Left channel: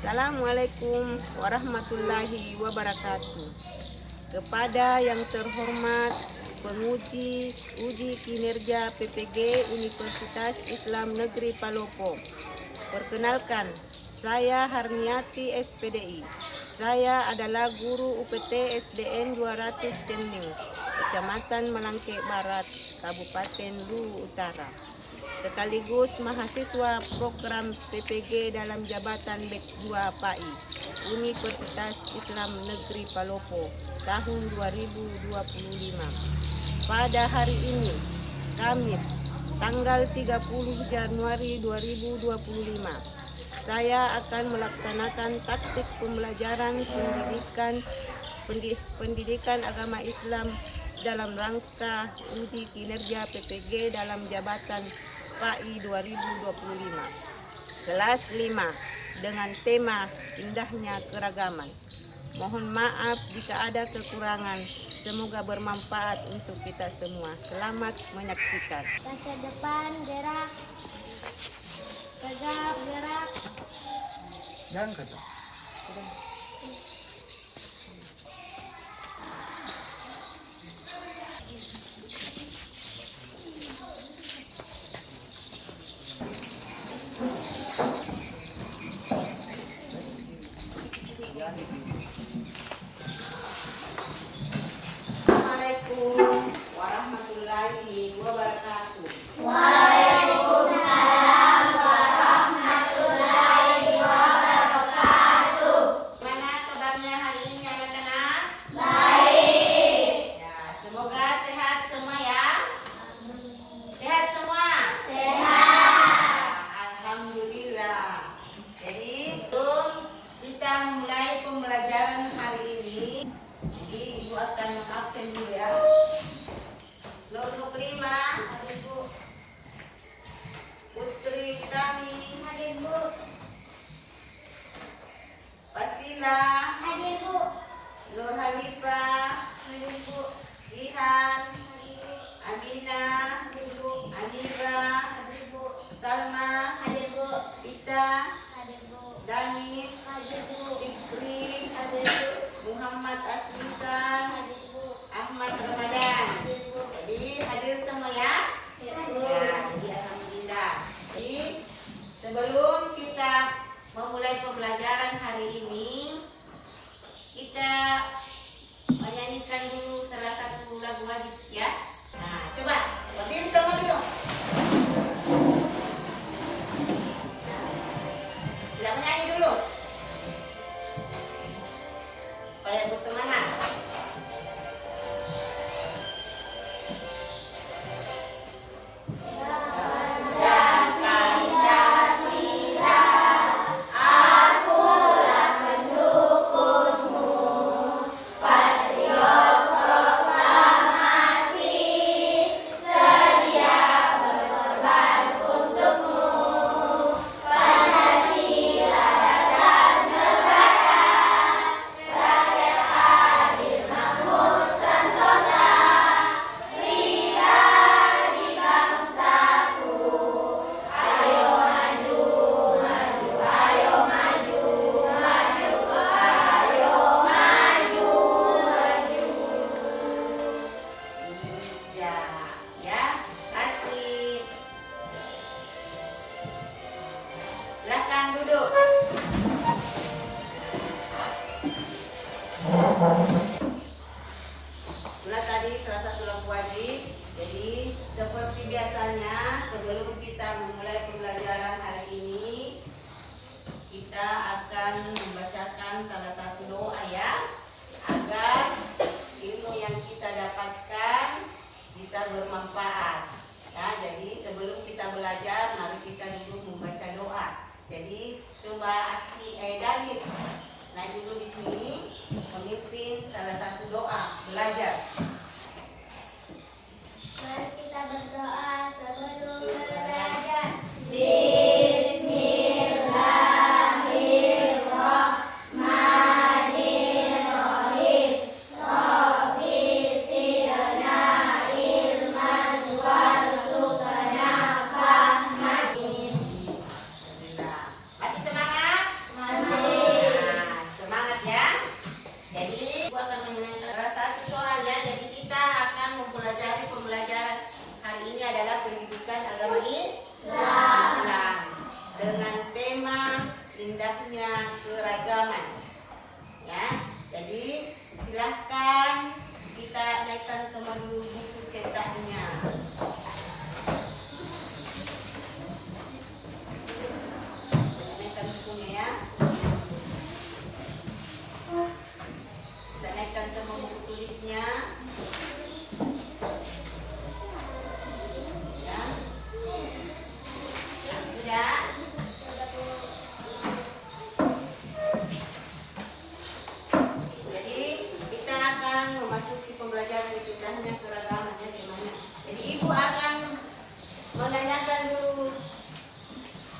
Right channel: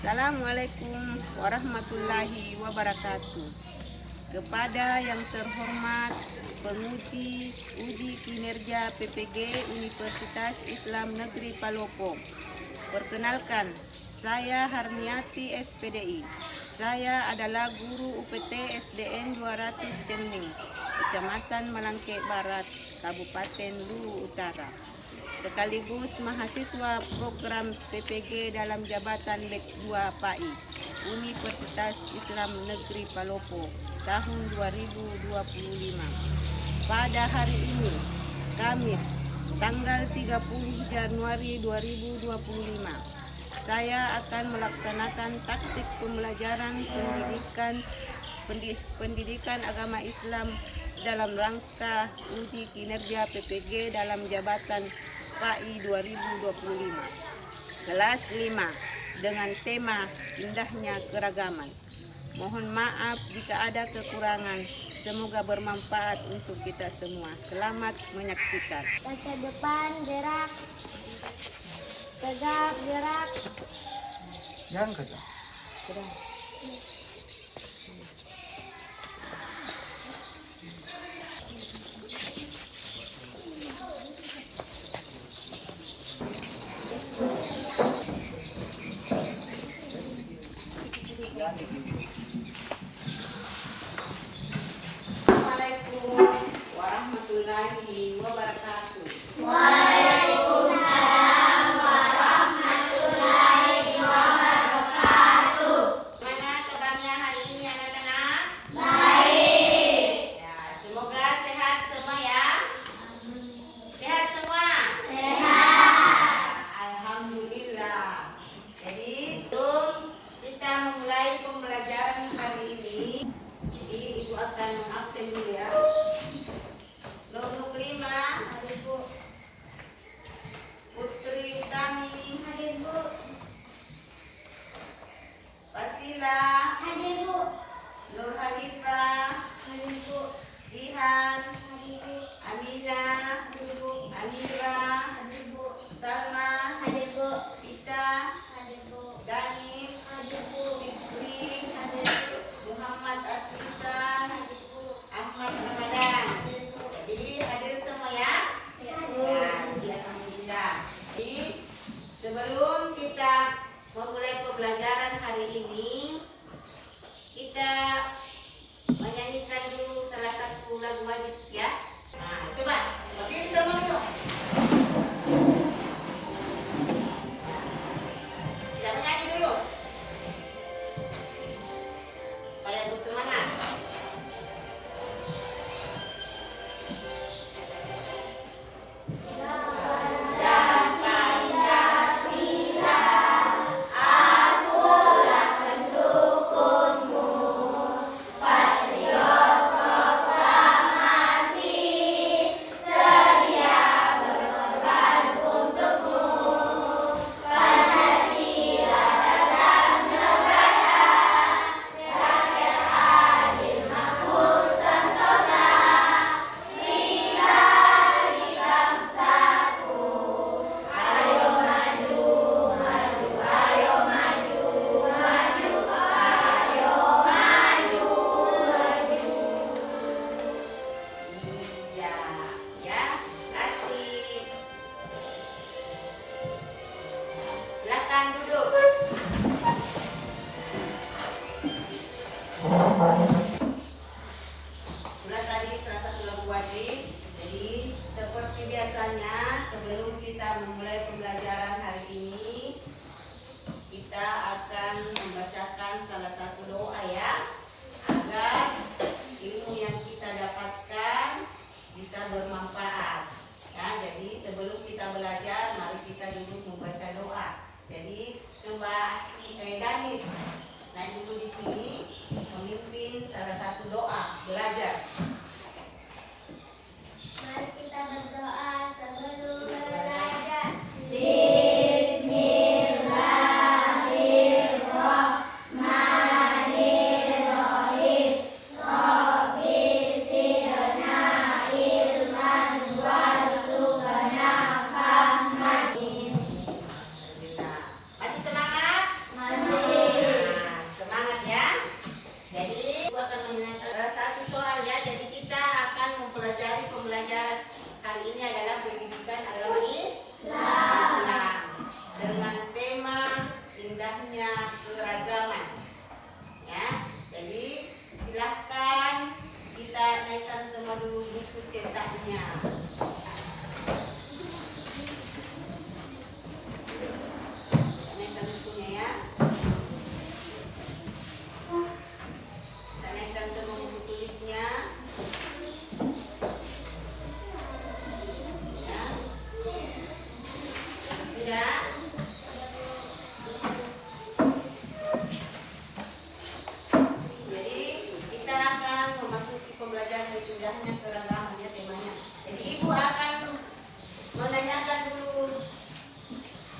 Assalamualaikum warahmatullahi wabarakatuh. Kepada yang terhormat penguji uji kinerja PPG Universitas Islam Negeri Palopo. Perkenalkan, saya Harniati SPDI. Saya adalah guru UPT SDN 200 Cening, Kecamatan Malangke Barat, Kabupaten Luwu Utara. Sekaligus mahasiswa program PPG dalam jabatan Lek 2 PAI Universitas Islam Negeri Palopo tahun 2025. Pada hari ini, Kamis, tanggal 30 Januari 2025, saya akan melaksanakan taktik pembelajaran pendidikan agama Islam dalam rangka uji kinerja PPG dalam jabatan PAI 2025 kelas 5 dengan tema indahnya keragaman. Mohon maaf jika ada kekurangan, semoga bermanfaat untuk kita semua. Selamat menyaksikan. Ke depan gerak, tegap gerak. Jangan ke Assalamualaikum warahmatullahi wabarakatuh. Waalaikumsalam warahmatullahi wabarakatuh. Mana kabarnya hari ini anak-anak? Baik. Ya, semoga sehat semua ya. Sehat semua? Sehat. Alhamdulillah. Jadi, sebelum kita memulai pembelajaran hari ini, jadi Ibu akan mengabsen dulu ya. Nomor 5, Putri Utami, Hadir Bu. Wasila, Hadir Bu. Nur Halifah, Hadir Bu. Rihan, Hadir Bu. Amina, Hadir Bu. Amira, Hadir Bu. Salma, Hadir Bu. Ita, Hadir Bu. Danis, Hadir Bu. Fikri, Hadir Bu. Muhammad Asfisan, Hadir Bu. Ahmad Ramadan. Hadir Bu. Jadi hadir semua ya? Ya, Ya, alhamdulillah. Jadi sebelum kita memulai pembelajaran hari ini, kita menyanyikan dulu salah satu lagu wajib ya. Nah, coba berdiri semua dulu. Kita menyanyi dulu supaya bersemangat. Ya, kasih. Silakan duduk. Sudah tadi salah satu lagu wajib. Jadi seperti biasanya sebelum kita memulai pembelajaran hari ini, kita akan membacakan salah satu doa ya, agar ilmu yang kita dapatkan bisa bermanfaat. Ya, jadi sebelum kita belajar, mari kita dulu membaca doa. Jadi coba Danis, nah dulu di sini memimpin salah satu doa belajar. Mari kita berdoa sebelum belajar. Bismillahirrahmanirrahim. Rabbi zidna ilman warzuqna fahman. Masih semangat? Masih. memang indahnya keragaman. Ya, jadi silahkan kita naikkan semua dulu buku cetaknya. Naikkan bukunya ya. Kita naikkan semua buku tulisnya. Ya. Sudah. Jadi kita akan memasuki pembelajaran indahnya keragaman ya temanya. Jadi ibu akan menanyakan dulu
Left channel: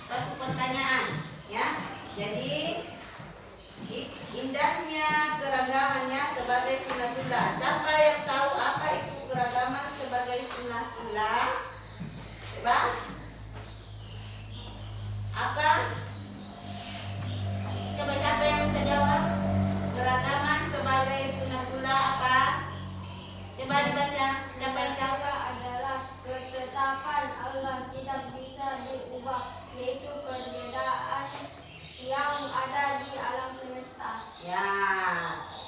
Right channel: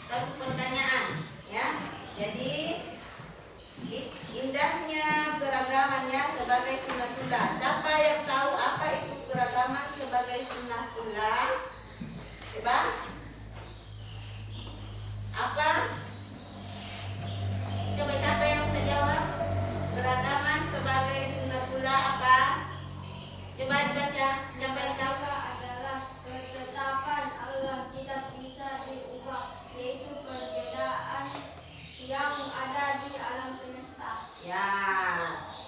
satu pertanyaan ya. Jadi indahnya keragamannya sebagai sunnatullah. Siapa yang tahu apa itu keragaman sebagai sunnatullah? Coba. Apa? Coba siapa yang bisa jawab? Keragaman sebagai sunnatullah apa? Coba dibaca. Siapa yang tahu? adalah ketetapan Allah tidak bisa diubah, yaitu perbedaan yang ada di alam semesta. Ya,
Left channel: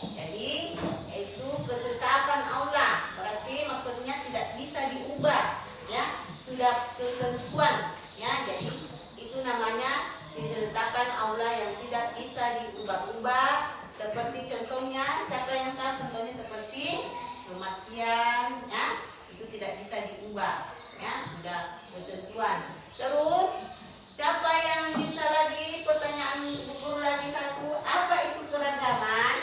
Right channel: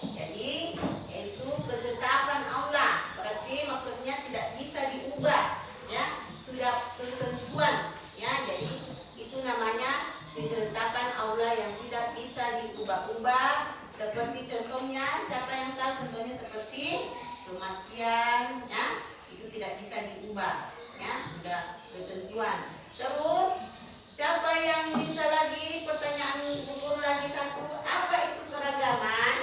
jadi itu ketetapan Allah. Berarti maksudnya tidak bisa diubah, ya. Sudah ketentuan, ya. Jadi itu namanya ketetapan Allah yang tidak bisa diubah-ubah. Seperti contohnya, siapa yang tahu contohnya seperti kematian, ya. Itu tidak bisa diubah, ya. Sudah ketentuan. Terus siapa yang bisa lagi pertanyaan guru lagi satu, apa itu keragaman?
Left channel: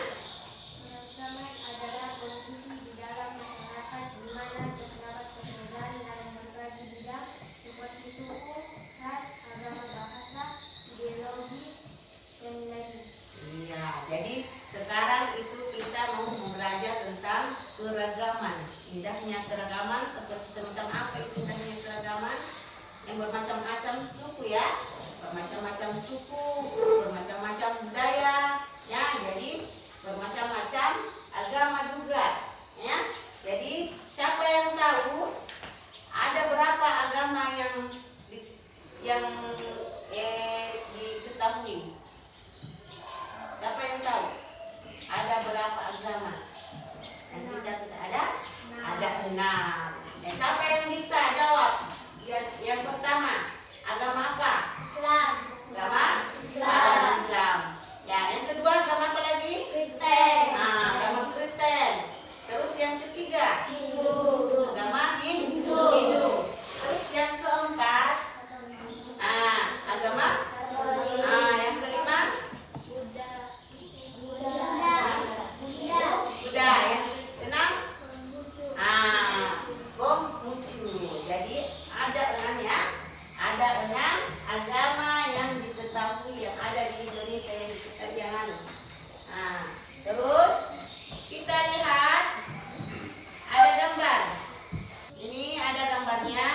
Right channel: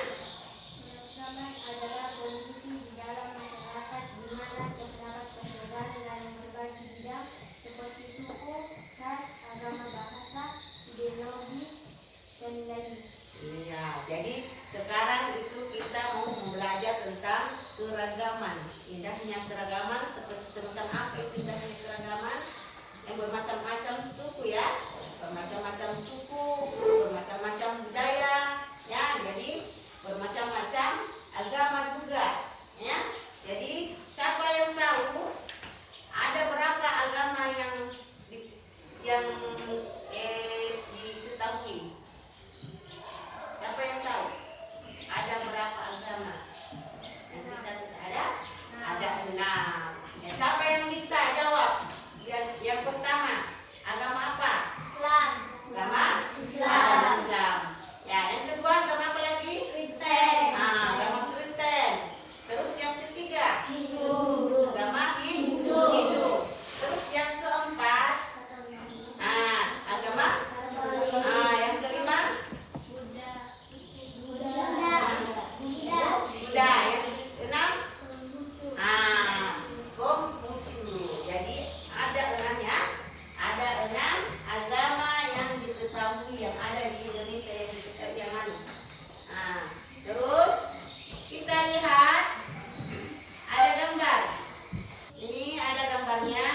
Keragaman adalah kondisi di dalam masyarakat di mana terdapat perbedaan dalam berbagai bidang seperti suku, ras, agama, bahasa, ideologi, dan lain. Iya, jadi sekarang itu kita mau belajar tentang keragaman. Indahnya keragaman seperti semacam apa itu indahnya keragaman? Yang bermacam-macam suku ya, bermacam-macam suku, bermacam-macam budaya, ya. Jadi bermacam-macam agama juga, ya. Jadi siapa yang tahu ada berapa agama yang diketahui? Siapa yang tahu? Ada berapa agama? Yang kita ada? Ada 6. Siapa yang bisa jawab? Yang pertama, agama apa? Islam, Agama Islam. Islam. Ya, yang kedua agama apa lagi? Kristen, Agama Kristen. Terus yang ketiga, Hindu, agama Hindu. Terus yang keempat, agama. Yang kelima, Buddha. Yang keenam, Konghucu. Jadi ada 6 ya. Ada 6 agama yang diketahui yang ada di Indonesia yang diketahui yang lalu. Terus kita lihat ada gambar. Ini ada gambarnya,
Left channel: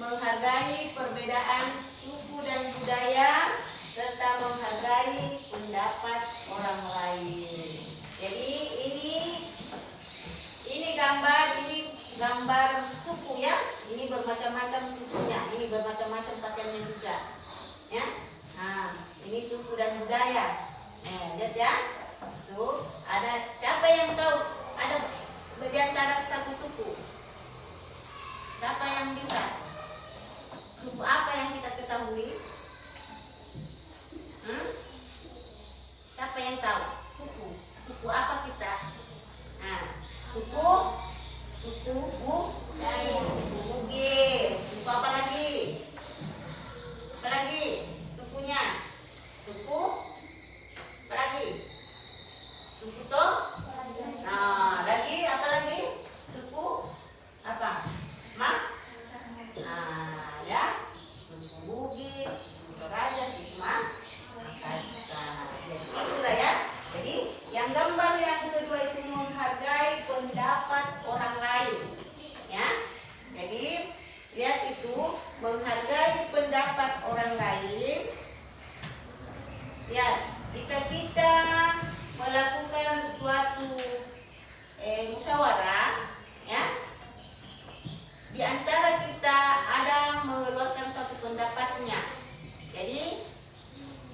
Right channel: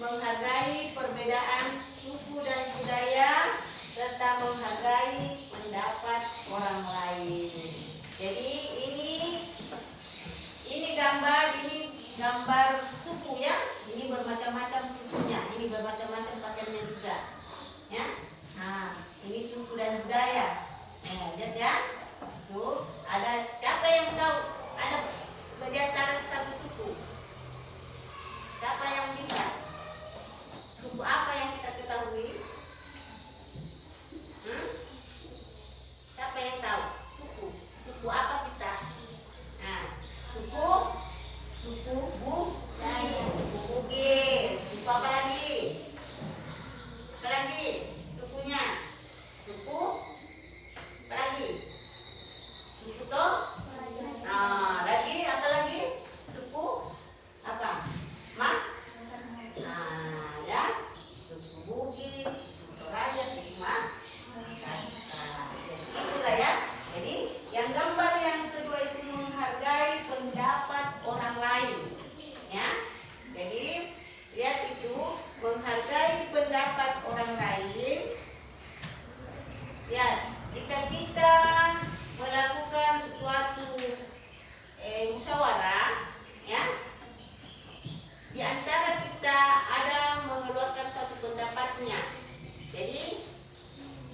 menghargai perbedaan suku dan budaya serta menghargai pendapat orang lain. Jadi ini gambar suku ya. Ini bermacam-macam sukunya. Ini bermacam-macam pakaiannya juga. Ya. Ini suku dan budaya. Lihat ya. Tuh, ada siapa yang tahu ada di antara satu suku? Siapa yang bisa? Suku apa yang kita ketahui? Siapa yang tahu? Suku apa kita? Suku Bugis. Suku apa lagi? Apa lagi? Sukunya? Suku apa lagi? Suku Toh? Lagi apa lagi? Suku apa? Ya. Suku Bugis,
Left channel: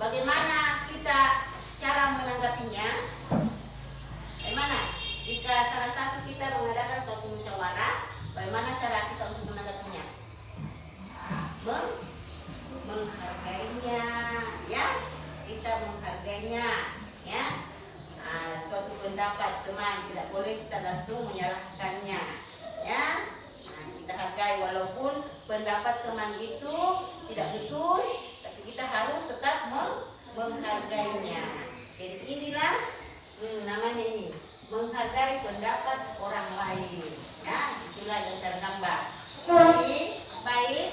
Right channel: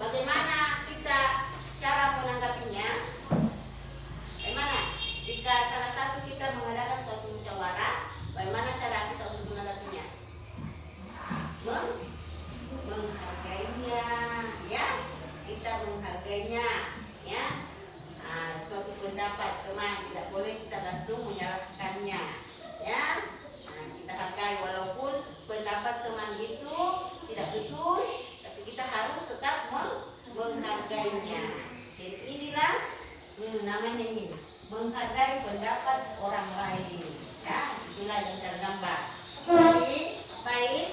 bagaimana kita cara menanggapinya? Bagaimana? Jika salah satu kita mengadakan suatu musyawarah, bagaimana cara kita untuk menanggapinya? Menghargainya, ya. Kita menghargainya, ya. Suatu pendapat teman tidak boleh kita langsung menyalahkannya, ya. Kita hargai walaupun pendapat teman itu tidak betul, tapi kita harus tetap menghargainya. Jadi inilah namanya ini, menghargai pendapat orang lain, ya. Itulah yang tergambar. Jadi baik.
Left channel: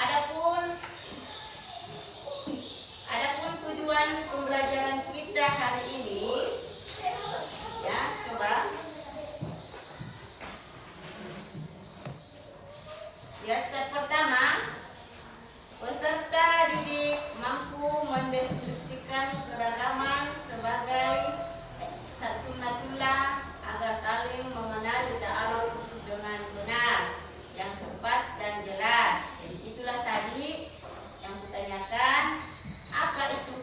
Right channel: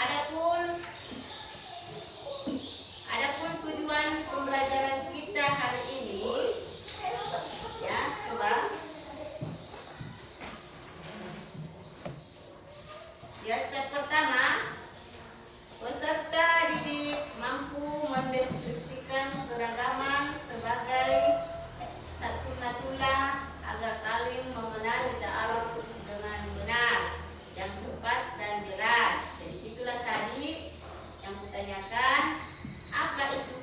Adapun tujuan pembelajaran kita hari ini, ya, coba. Yang pertama, peserta didik mampu mendeskripsikan keragaman sebagai taksimatullah agar saling mengenali ta'aruf dengan benar, yang tepat dan jelas. Jadi itulah tadi yang kutanyakan, apa itu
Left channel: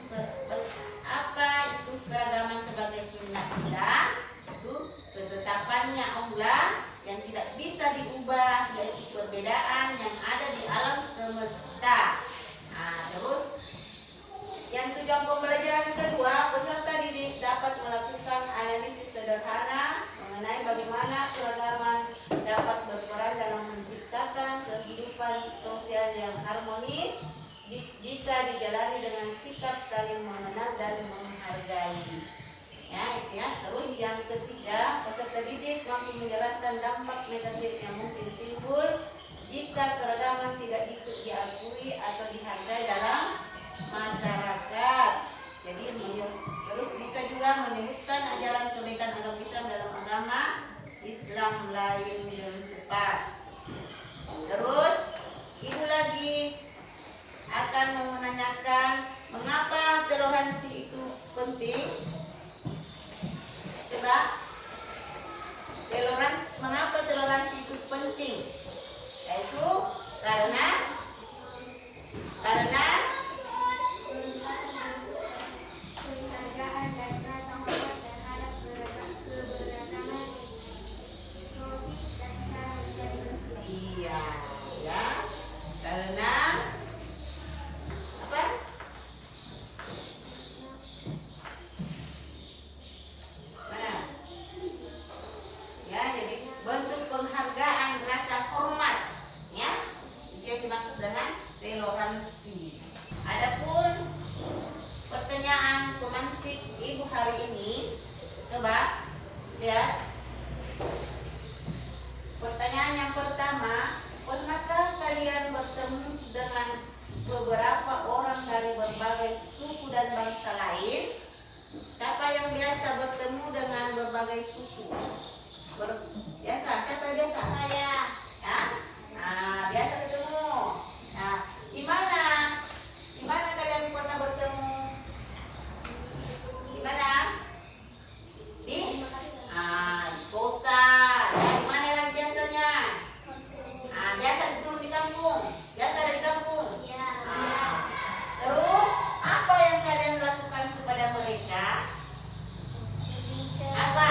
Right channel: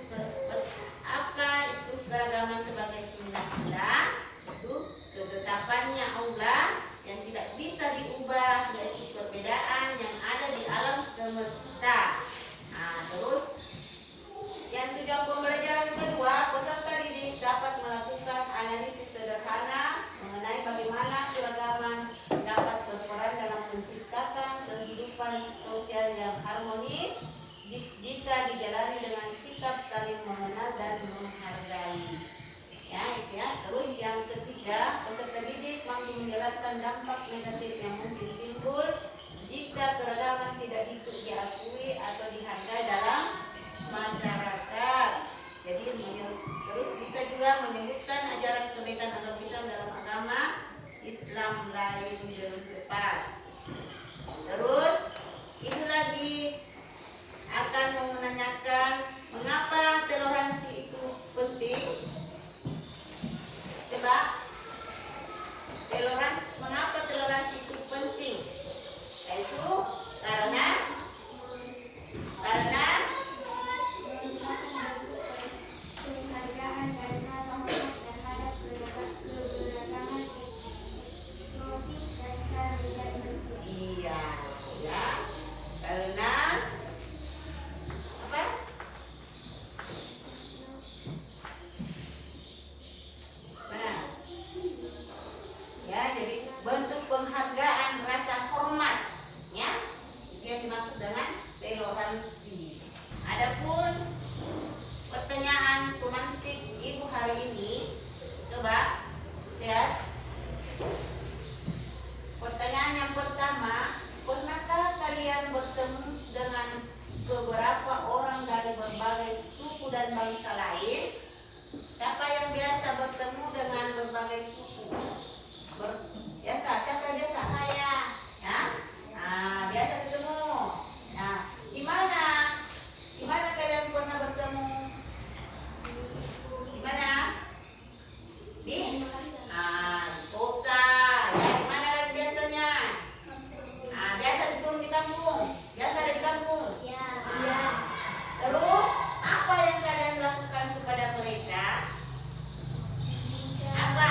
keragaman sebagai sunnatullah? Itu ketetapannya Allah yang tidak bisa diubah, yaitu perbedaan yang ada di alam semesta. Terus yang tujuan pembelajaran kedua, peserta didik dapat melakukan analisis sederhana mengenai bagaimana keragaman dapat berperan dalam menciptakan kehidupan sosial yang harmonis jika dijalani dengan sikap saling mengenal dan menghargai. Ya, itu ya. Terus yang ketiga, peserta didik mampu menjelaskan dampak negatif yang mungkin timbul jika keragaman tidak diakui atau dihargai dalam masyarakat. Jadi terus bisa juga menyebutkan ajaran kebaikan agama Islam dalam agama Islam lain yang tepat. Terus ini lagi akan menanyakan mengapa toleransi itu penting. Coba, mengapa toleransi itu penting? Yaitu karena penghargaan dan rasa hormat terhadap keberagaman profil dan cara menjadi manusia. iya, ya. Karena apa? Nah, ya, jadi bentuk penghargaan rasa hormat, ya. Itu yang dimaksud dengan toleransi. Adapun pertanyaan pemantik ibu hari ini, coba lihat. Pertanyaan yang pertama, pernahkah kalian bertemu dengan beberapa orang dari berbagai suku dan bangsa lain? Siapa yang biasa bertemu dengan berbagai suku? Biasa, siapa yang biasa? Saya. Ya? Biasa ketemu. Nah, di mana kalian pernah bertemu? Di mana? Di kota. Ya, di mana lagi biasanya? Biasa ketemu di kampung. Biasa di kampung. Ya. Terus apa yang kalian lakukan kepada mereka? Apa?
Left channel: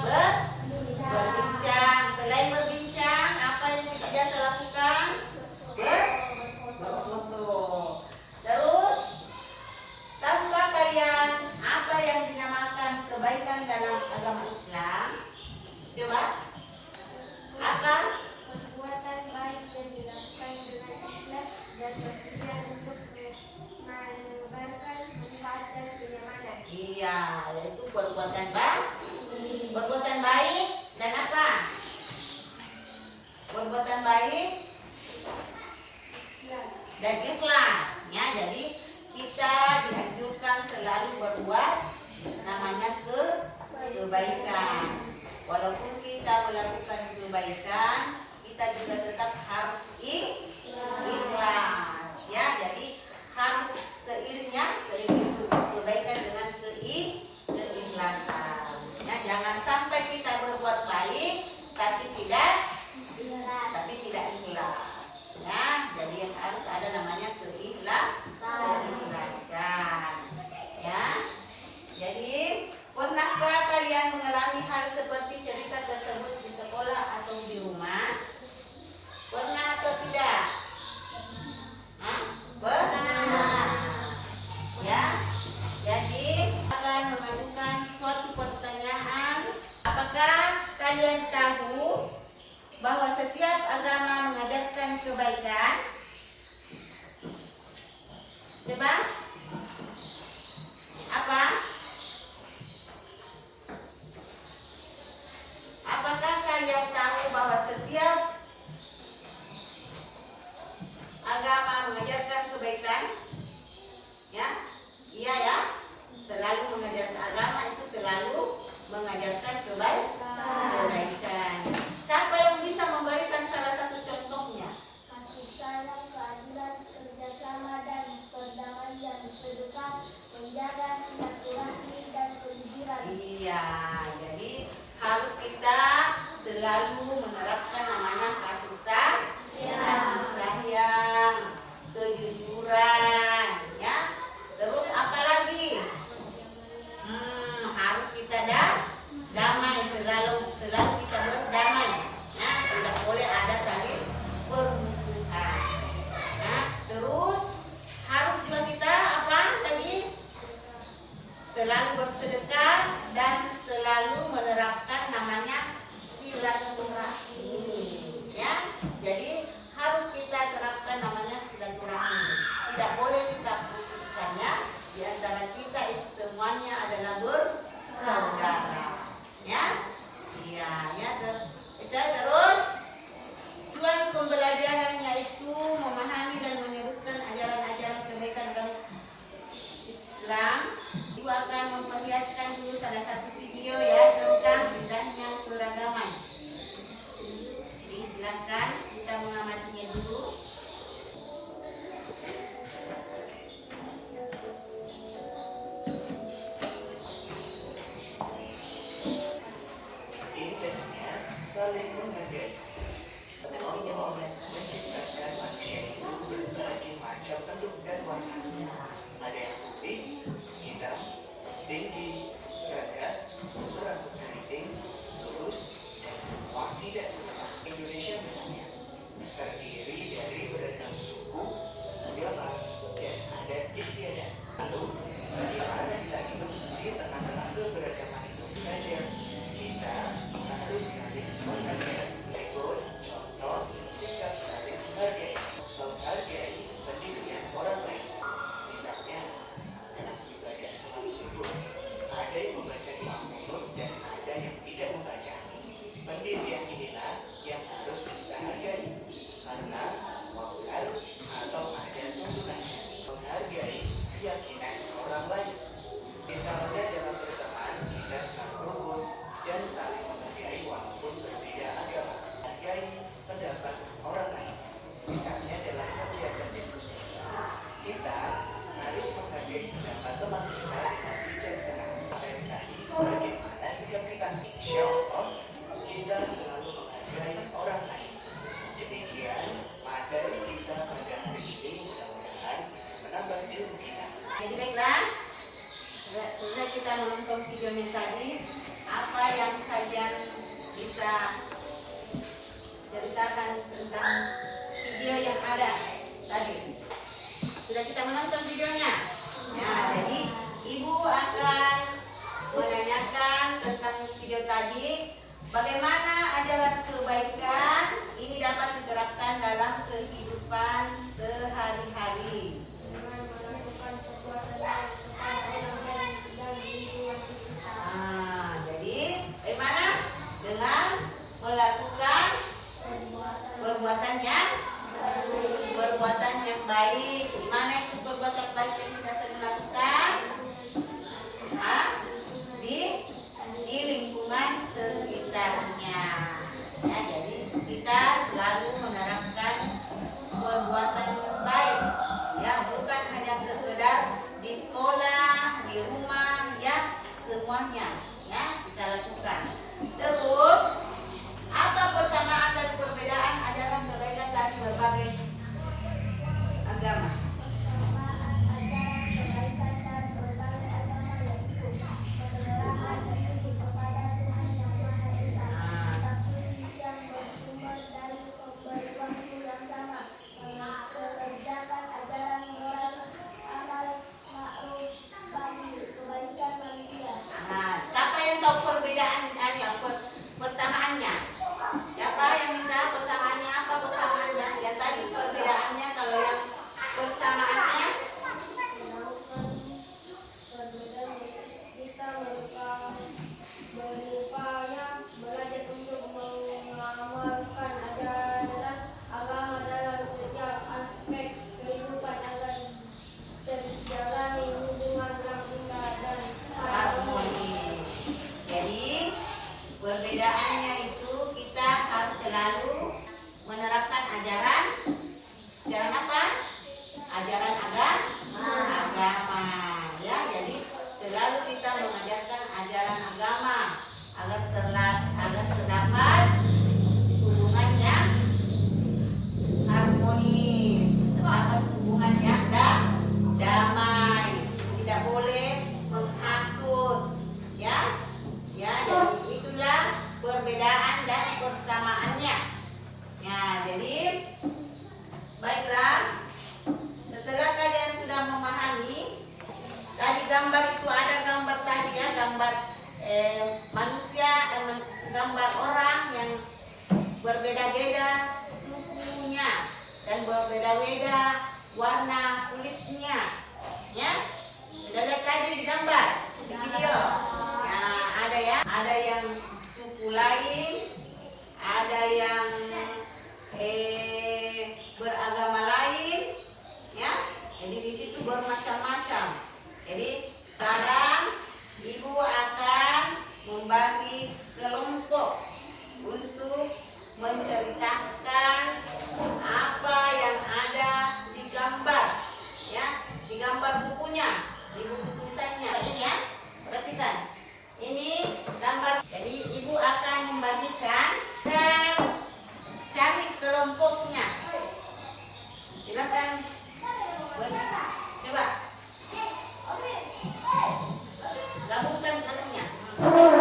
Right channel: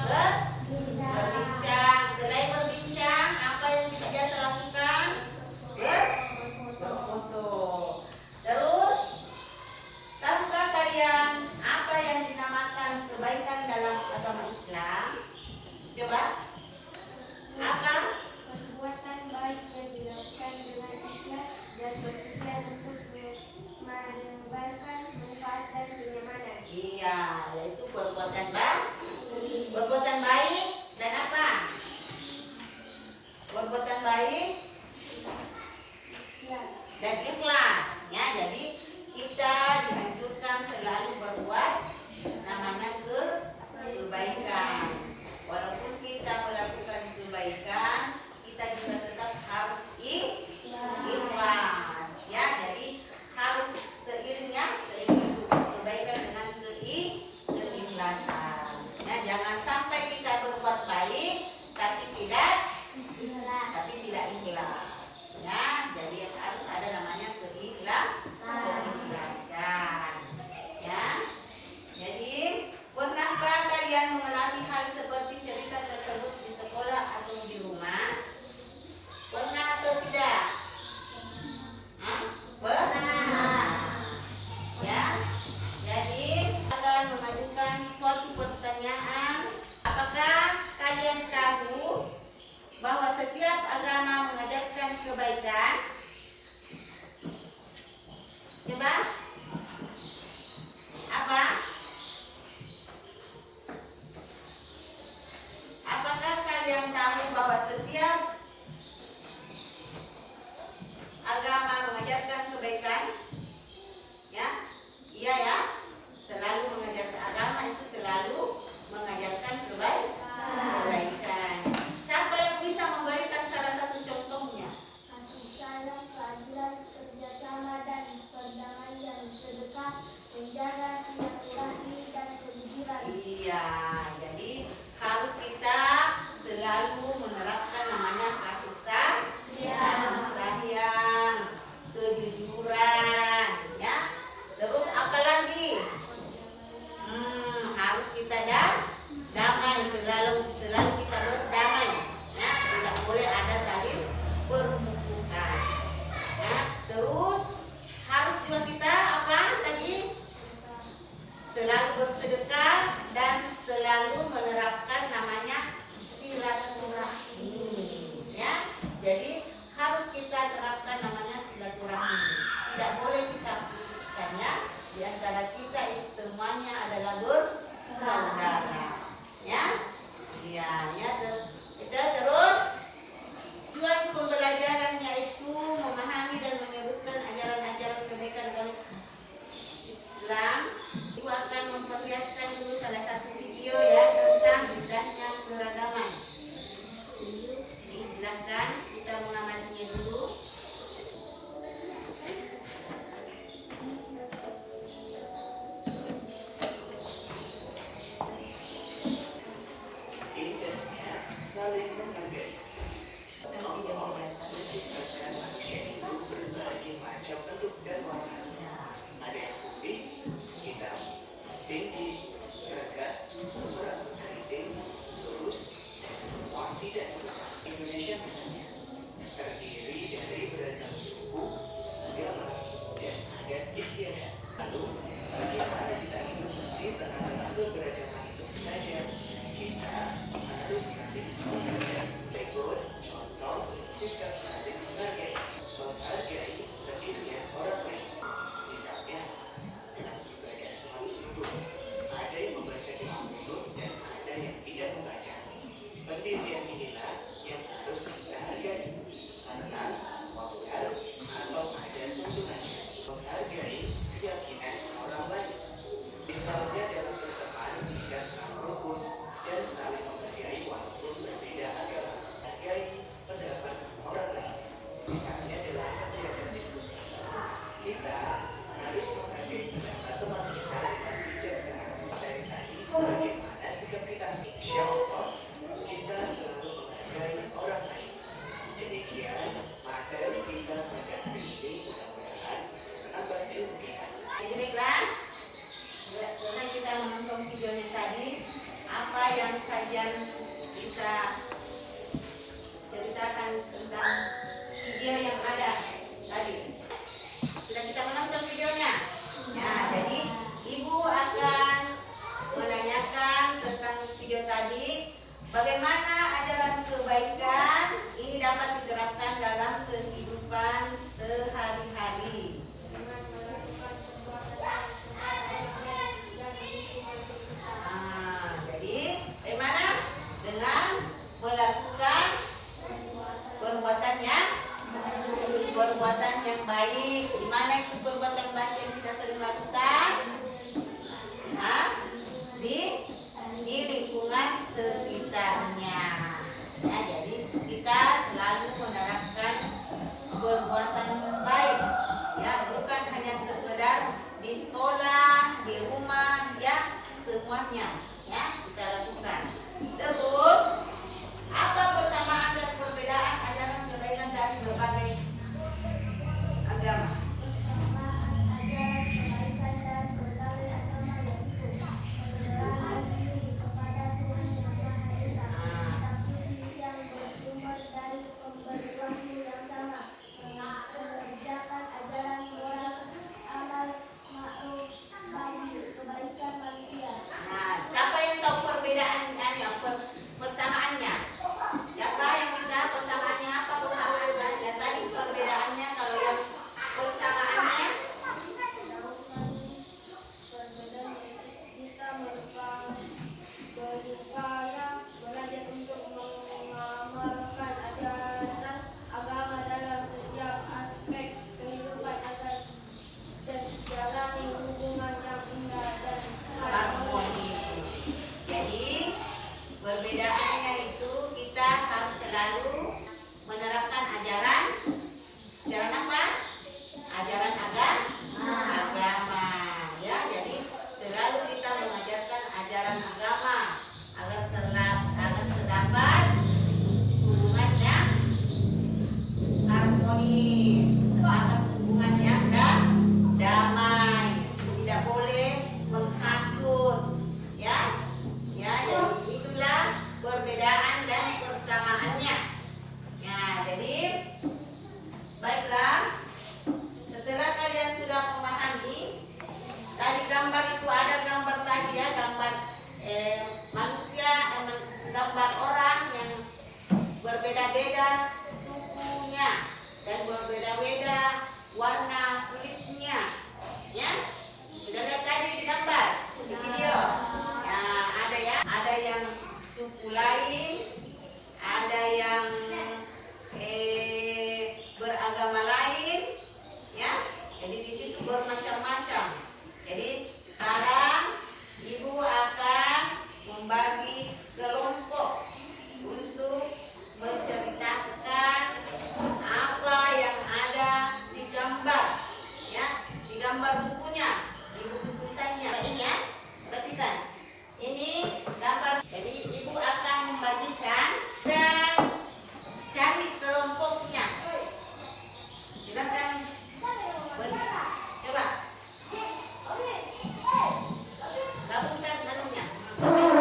Berbincang. Selain berbincang, apa yang kita biasa lakukan? Berfoto. Terus, tahukah kalian apa yang dinamakan kebaikan dalam agama Islam? Coba. Apa? Perbuatan baik yang dilakukan dengan ikhlas dan berpikiran untuk menebarkan manfaat dan kenyamanan. Iya, yaitu perbuatan baik dan apa? Perbuatan baik dan ikhlas. Ya, jadi kita dianjurkan selalu berbuat namanya kebaikan. Walaupun kita melakukan kebaikan, kita juga tetap harus ikhlas. Ya, jadi harus seiring kebaikan dengan keikhlasan. Ya, jangan sampai kita berbuat baik tapi tidak ikhlas. Ya, jadi harus ada namanya keikhlasan. selalu bersedekah dan selalu menerapkan namanya silaturahmi, ya. Jadi harus kita terapkan namanya silaturahmi. Tidak boleh kita putuskannya. Di antara kita itu semuanya adalah bersaudara, ya. Iya, ya. Kita terus tujuan pembelajaran yaitu memahami dan menyebutkan ajaran-ajaran kebaikan dalam Islam. Ibu akan memperlihatkan dulu salah satu video ya tentang indahnya keragaman. Silakan kita mengamatinya dulu. Indahnya saling menghargai. Allah menciptakan manusia itu berbagai macam bentuk dan warna. Ada yang putih, hitam, tinggi, rendah, berambut keriting, lurus, dan semua tidak serupa. Indonesia misalnya terdiri dari beragam suku, agama, dan adat istiadat. Lalu, bagaimana kita hidup di tengah-tengah keberagaman itu saja? Kita harus saling menghargai. Berikut contoh sikap saling menghargai. Menghargai pendirian orang lain. Misalnya, dalam ibadah sholat subuh, ada yang membaca doa qunut dan ada yang tidak membaca. Pendirian inilah yang harus kita hargai, karena semua benar atau ada tuntunannya. Menghargai keyakinan orang lain. Misalnya dalam berteman kita selalu rukun dan saling menghargai walaupun berbeda agama. Hargai pendapat orang lain. Misalnya dalam ada berdiskusi, kita harus menghargai pendapat teman kita dengan bijaksana. Dari tadi bagaimana sikap kita? Insya Allah kita selalu menghargai orang lain. Demikian materi kita pada hari ini, mudah-mudahan bisa menambah ilmu kita. Jadi baiklah, setelah kita menonton videonya tadi, apa yang kalian bisa ceritakan tentang video yang ada tadi? Sudah kita menonton videonya. Ya, jadi ibu akan menanyakan tentang video tadi, bagaimana ajaran kebaikan ini dapat diterapkan dalam kehidupan sehari-hari. Jadi bagaimana dengan melakukan perbuatan yang baik. Di mana itu perbuatan baik yang kita sering lakukan? Di lingkungan sekitarnya. manusia, gambar orang yang berbeda-beda sukunya dan berbeda-beda warna kulitnya, ya. Sudah lihat tadi di gambar, di video. Nah, ada yang suku lain, ada yang beragama lain, ya. Jadi di situ bermacam-macam. Jadi sekarang ibu akan membagi kelompok untuk menceritakan apa yang ada di gambar, ya, di gambar bukunya, di buku tulisannya. Ini ya, perhatikan. Ini gambar. Jadi ibu akan membagikan dan cari kelompoknya. Silakan. Coba. Gabungkan kelompoknya. Coba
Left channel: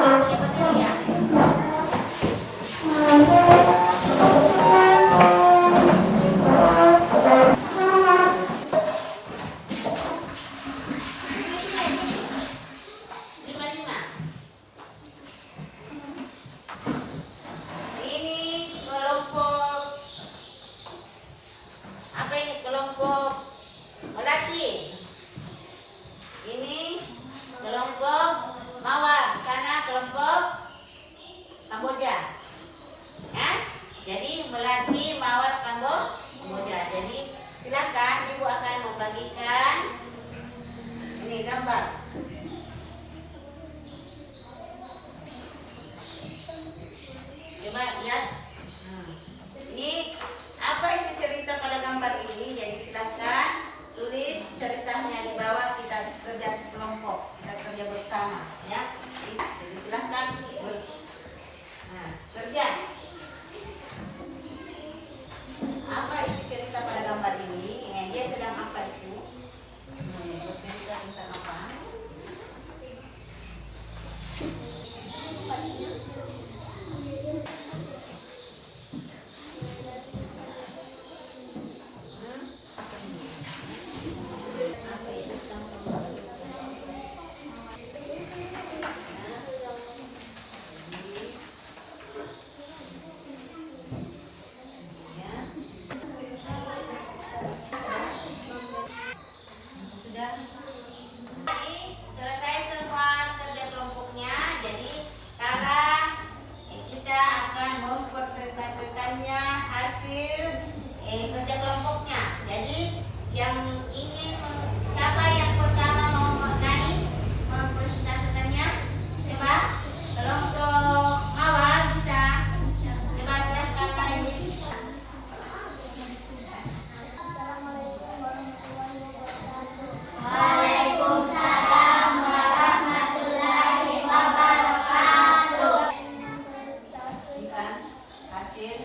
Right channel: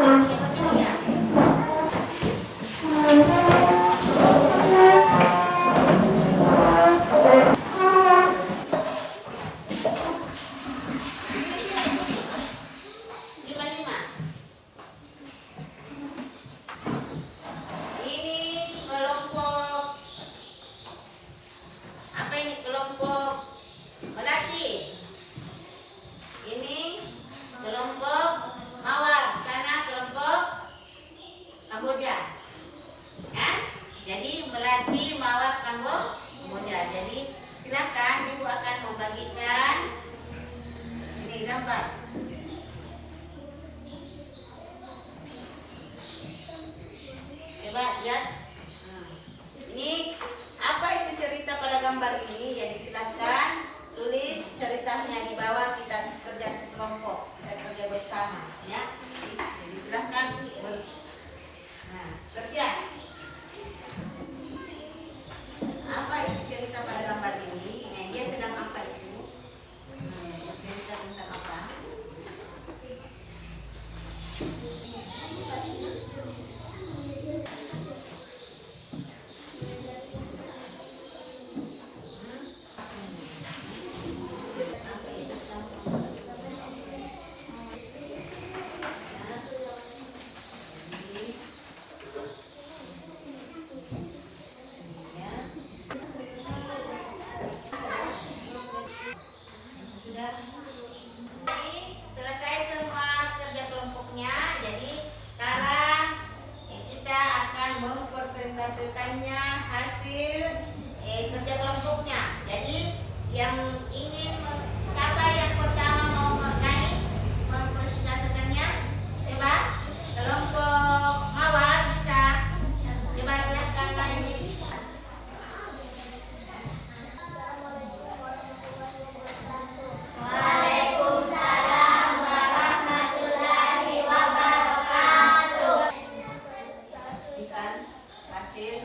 ini ya. Jadi Melati, Mawar, Kamboja. Jadi silakan ibu akan membagikan ini gambar. Coba lihat. Ini apa isi cerita pada gambar ini? Jadi silakan tulis ceritanya di bawah, kita kerja kelompok, kita kerja bersama, ya. Jadi silakan kerja. Apa isi cerita pada gambar ini? Dia sedang apa itu? Bercerita tentang apa? Selesai semua kerja kelompoknya. Jadi sekarang kita akan mempresentasikannya hasil kerja kelompoknya. Jadi yang ingin, siapa yang pertama mau naik mempresentasikannya? Coba kelompok Mawar bisa. Coba silakan lagi. Hasil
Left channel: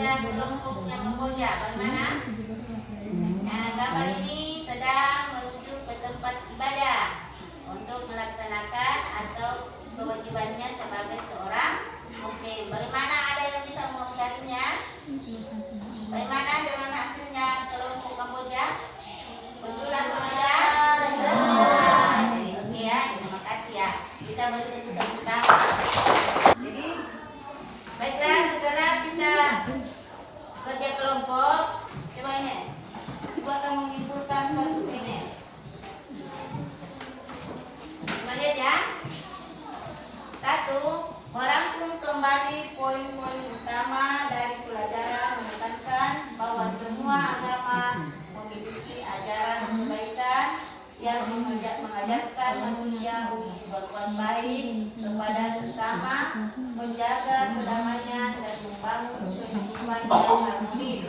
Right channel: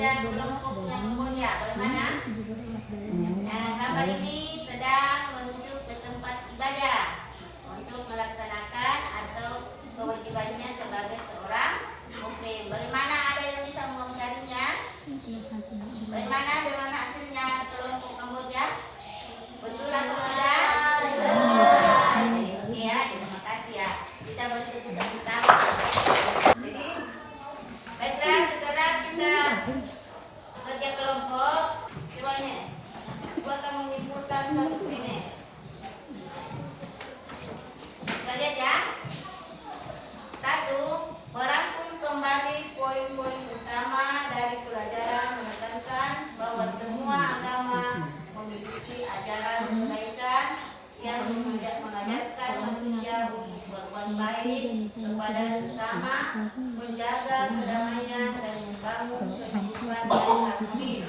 belajar kelompoknya Kamboja. Bagaimana? Nah, gambar ini sedang menuju ke tempat ibadah untuk melaksanakan atau kewajibannya sebagai seorang Muslim. Bagaimana, ada yang bisa mengomentarinya? Bagaimana dengan hasilnya kelompok Kamboja? Betul atau tidak? Jadi oke ya, terima kasih ya. Kita boleh tepuk tangan. Jadi baiklah, setelah kita kerja kelompok, coba ini, coba kamu menyimpulkan suatu ini. Coba lihat ya. Satu, merangkum kembali poin-poin utama dari pelajaran menekankan bahwa semua agama memiliki ajaran kebaikan yang mengajarkan manusia untuk berbuat baik kepada sesama, menjaga perdamaian dan membangun kehidupan yang harmonis.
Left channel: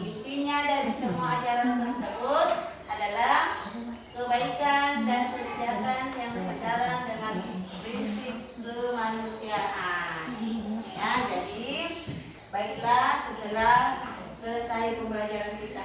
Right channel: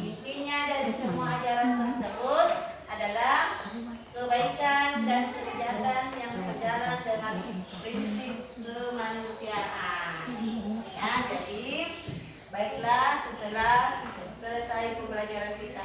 Intinya dari semua ajaran tersebut adalah kebaikan dan kebijakan yang sejalan dengan prinsip kemanusiaan. Ya, jadi baiklah, setelah selesai pembelajaran kita